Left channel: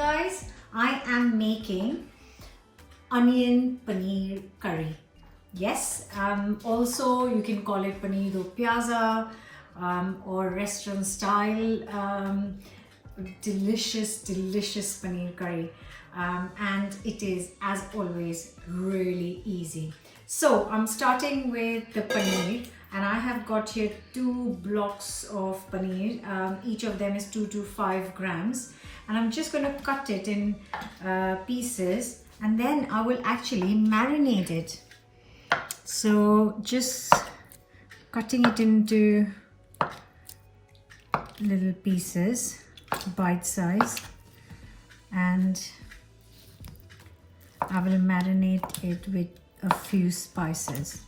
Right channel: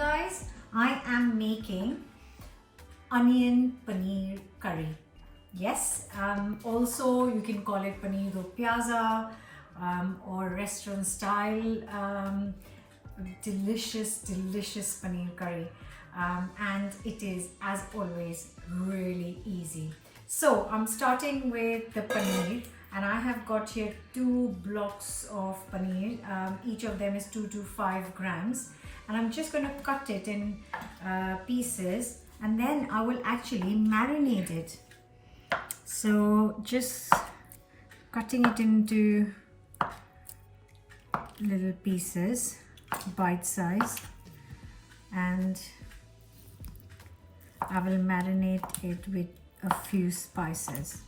guys, I am making onion paneer curry. Yes, also you can call it paneer pyaza or restaurant style delicious paneer curry, and it is, as always, really easy. So I'm starting with the paneer, and I have got here 2 blocks of paneer. Each of them is 2 to 5 grams, and I'm just going to cut it in pieces, and then I will actually marinate it. So just cutting it into little pieces, bite size, and I will marinate it with a few spices.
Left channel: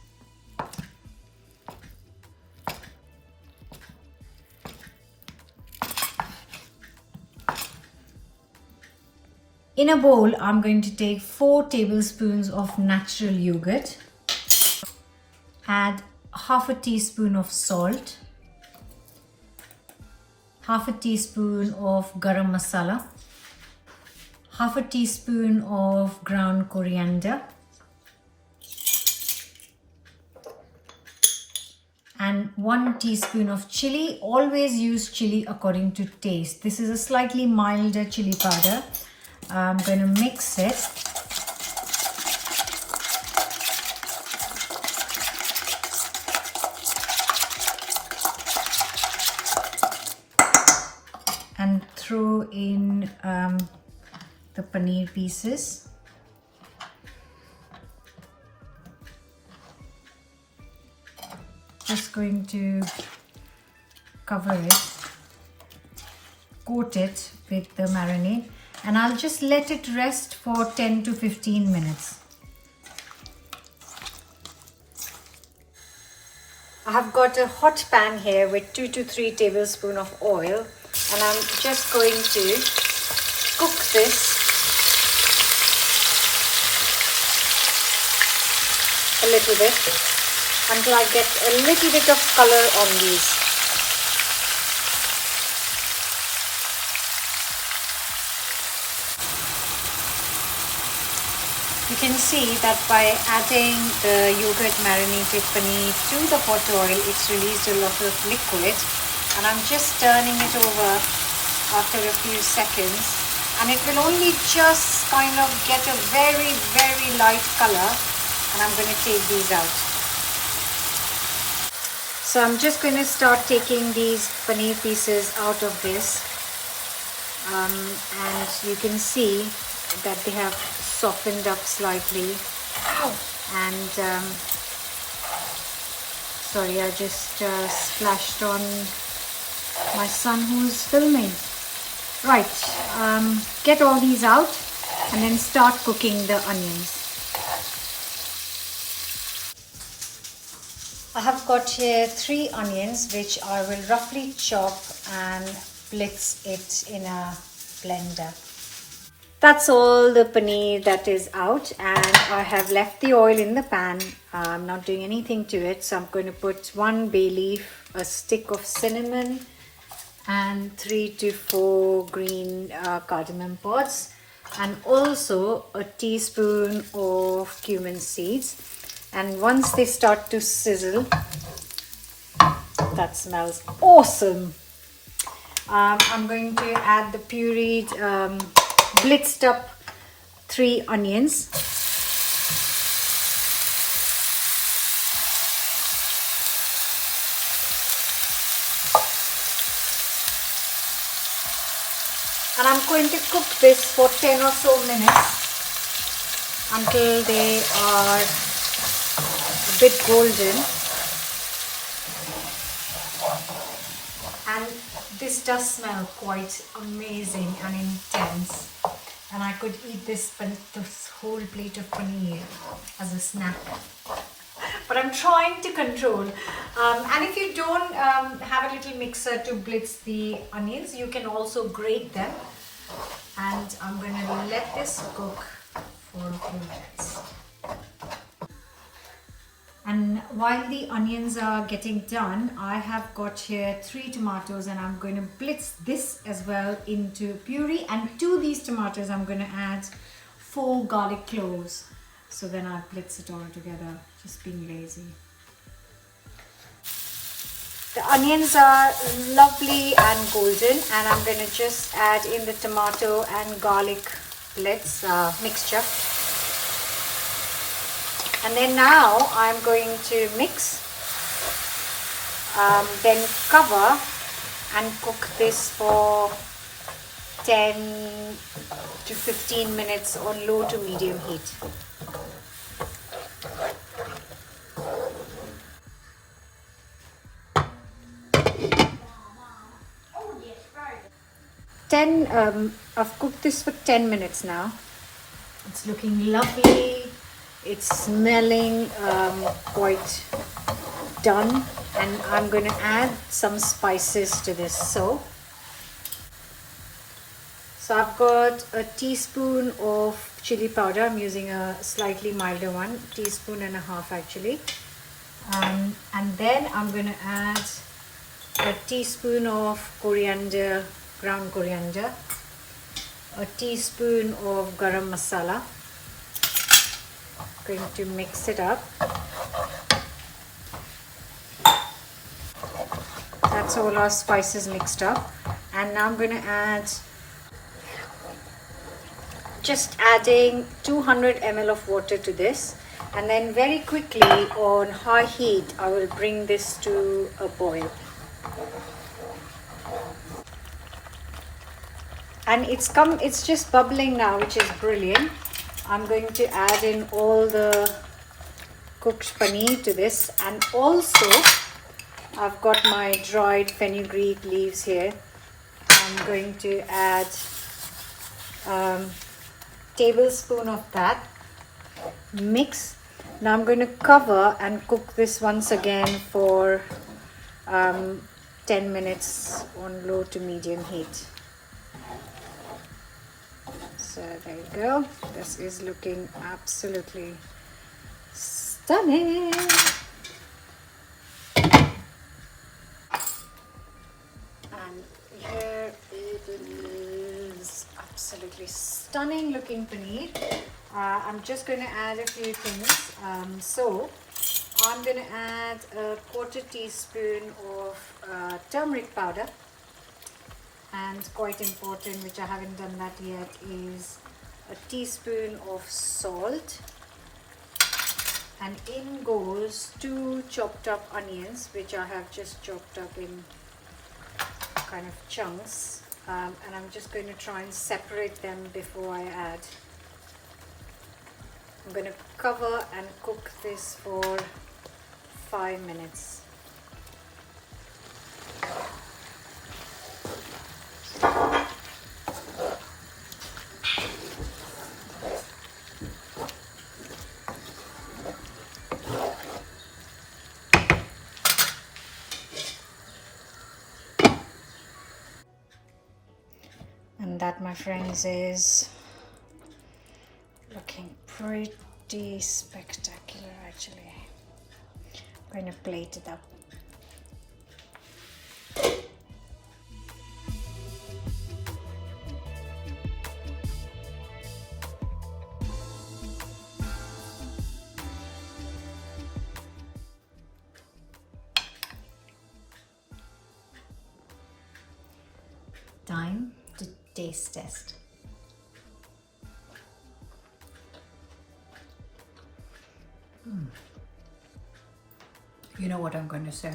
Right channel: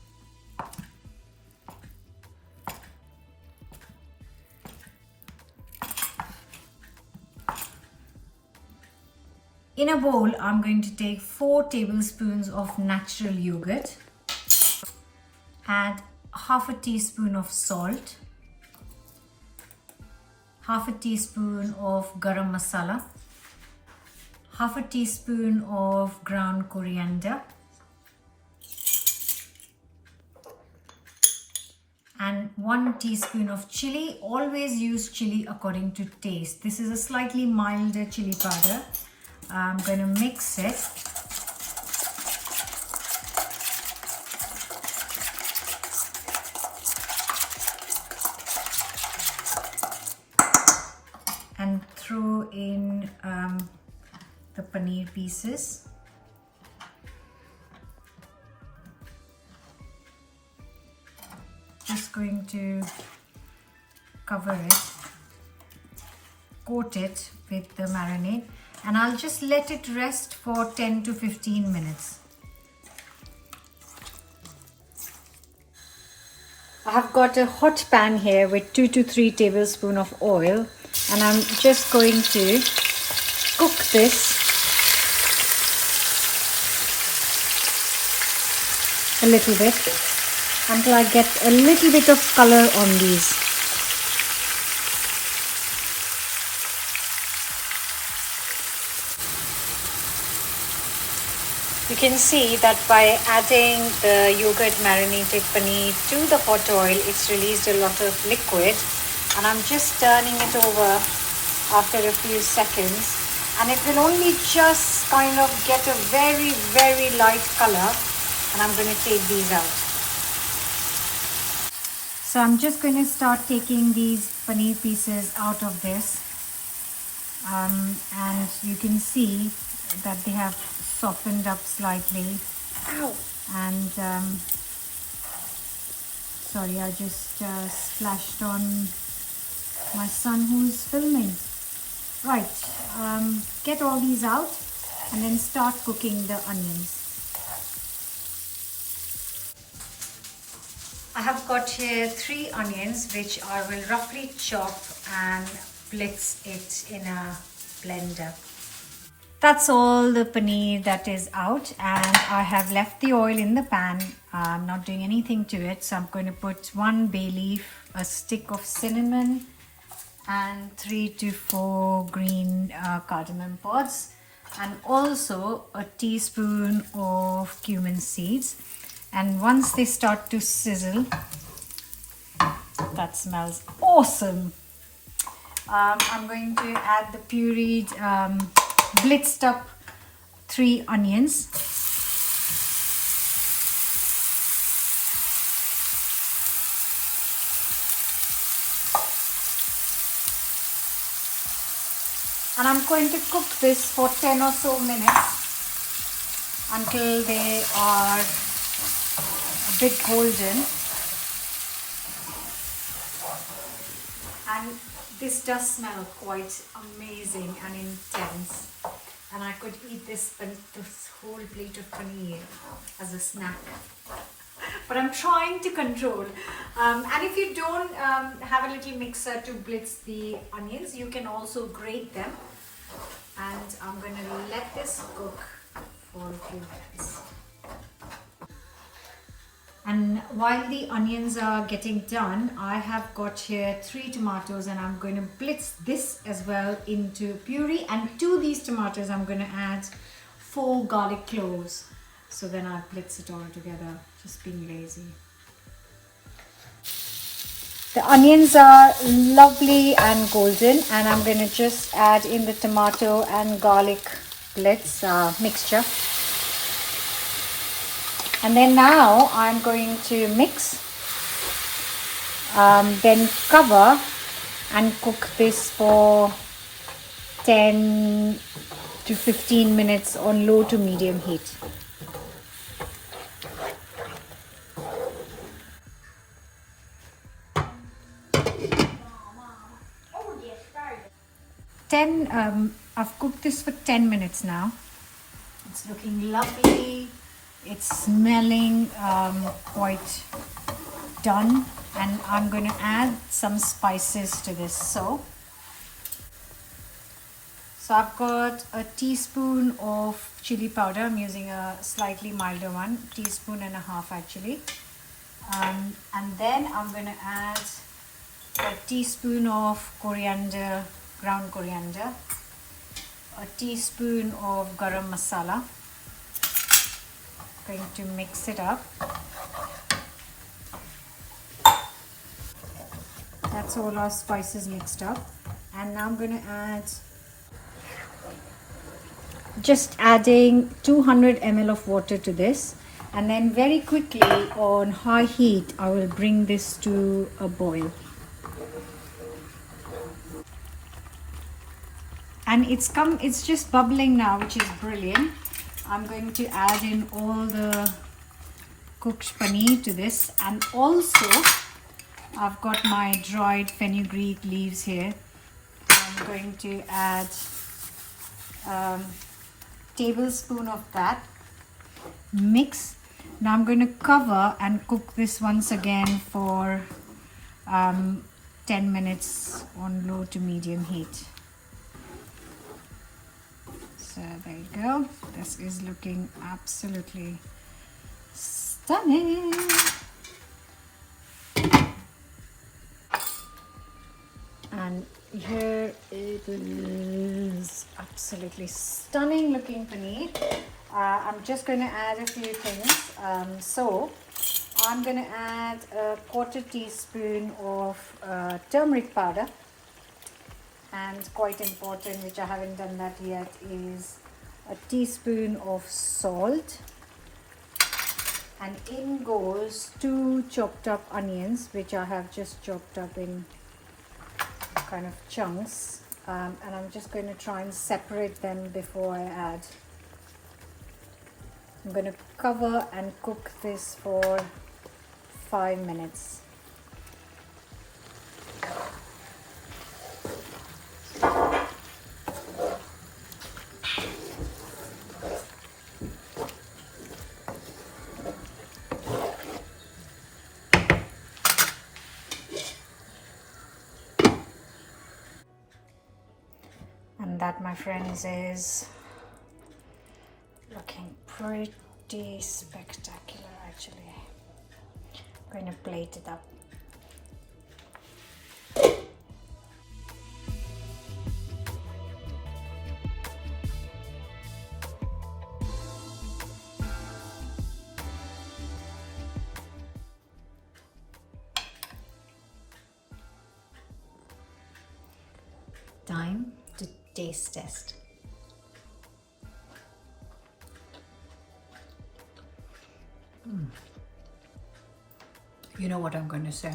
In a bowl, I'm going to take 4 tablespoons of natural yogurt, add half a teaspoon of salt, half a teaspoon of garam masala, half a teaspoon of ground coriander, and 1 teaspoon of chili. Always use chili according to taste. This is a slightly milder chili powder. I'm going to mix it. And throw in the paneer pieces. Just going to cover it, coat it with the marinade, and I'll just let it rest for 10 to 15 minutes. I have got a hot pan here with 2 to 3 tablespoons of oil, and I'm just going to cook this a little bit until I get a little bit of color on these. You can see that by adding the yogurt marinated paneer to the hot oil, it's released a lot of liquid, and I'm just turning it over after a few seconds, and it will only just kind of get a very light color, and I'm going to take these out. So I'm just going to start taking these paneer pieces out of this, and you can see that they have softened up slightly. And sorry, I just splashed on my son who's filming. Right, get all these out and then start cooking the onions. I have got here 3 onions, which I will roughly chop and blitz it in a blender. That's all the paneer that is out, and I have left the oil in the pan. I'm not doing anything to it, so I'm going to put 1 bay leaf, a stick of cinnamon, and 3 to 4 green cardamom pods, and also a teaspoon of cumin seeds. And once they start to sizzle, that smells awesome. I'm going to add the pureed, blitzed up 3 onions. And I'm going to cook this for 10 or so minutes until they are a bit golden. And this does smell quite amazing and intense, and I could eat this whole plate of paneer as a snack. But I'm trying to control. And if you don't have a little mixer to blitz the onions, you can also grate them. And I'm going to let this cook for a few minutes. And while the onions are getting done, I have got here 3 tomatoes, and I'm going to blitz this as well into puree. And to these tomatoes, I'm going to add 4 garlic cloves. So then I'll blitz it all together, just being lazy. The onions are lovely and golden, and I'm going to just add in the tomato and garlic blitz mixture. And then now I'm going to mix, then cover and cook this for 10 to 15 minutes on low to medium heat. I've cooked this for 10 minutes now. It's looking lovely. It's smelling quite done, and I'm going to add some spices to this. So I've got a teaspoon of chili powder. I'm using a slightly milder one, teaspoon and a half actually. And then I'm going to add a teaspoon of coriander, ground coriander, a teaspoon of garam masala. Going to mix it up. That's all our spices mixed up, and now I'm going to add, just adding 200 ml of water to this, and then very quickly on high heat I will bring this to a boil. And it's just bubbling now, which is brilliant. I'm going to add in all the cooked paneer to this, and also I've got my dried fenugreek leaves here. I'm going to add a tablespoon of that. Mix. Now I'm going to cover and cook this once again for 10 minutes on low to medium heat. So there you go. This is looking absolutely stunning. And here it is, absolutely stunning looking paneer. I'm just going to add a few things. So I'm going to add a quarter teaspoon of turmeric powder. And quite important, which I haven't done that yet, is a teaspoon of salt. And in goes 2 chopped up onions, which I have just chopped up in kind of chunks. And I'm just going to try and separate them before I add. I'm going to cover and cook this for 5 minutes. And that, my friends, is looking pretty spectacular actually. I'm going to plate it up. Time to taste test. You know what I'm going to say.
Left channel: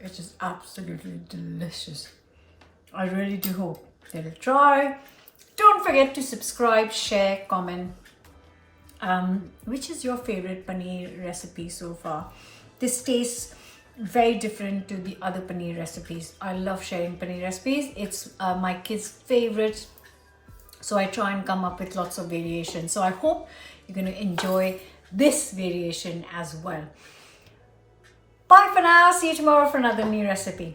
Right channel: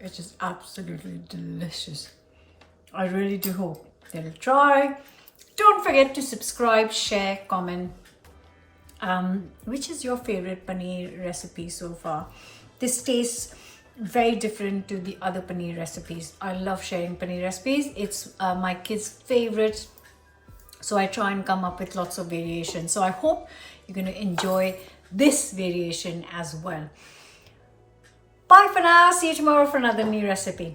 It is absolutely delicious. I really do hope that you'll try. Don't forget to subscribe, share, comment. Which is your favorite paneer recipe so far? This tastes very different to the other paneer recipes. I love sharing paneer recipes. It's my kids' favorite, so I try and come up with lots of variations. So I hope you're going to enjoy this variation as well. Bye for now. See you tomorrow for another new recipe.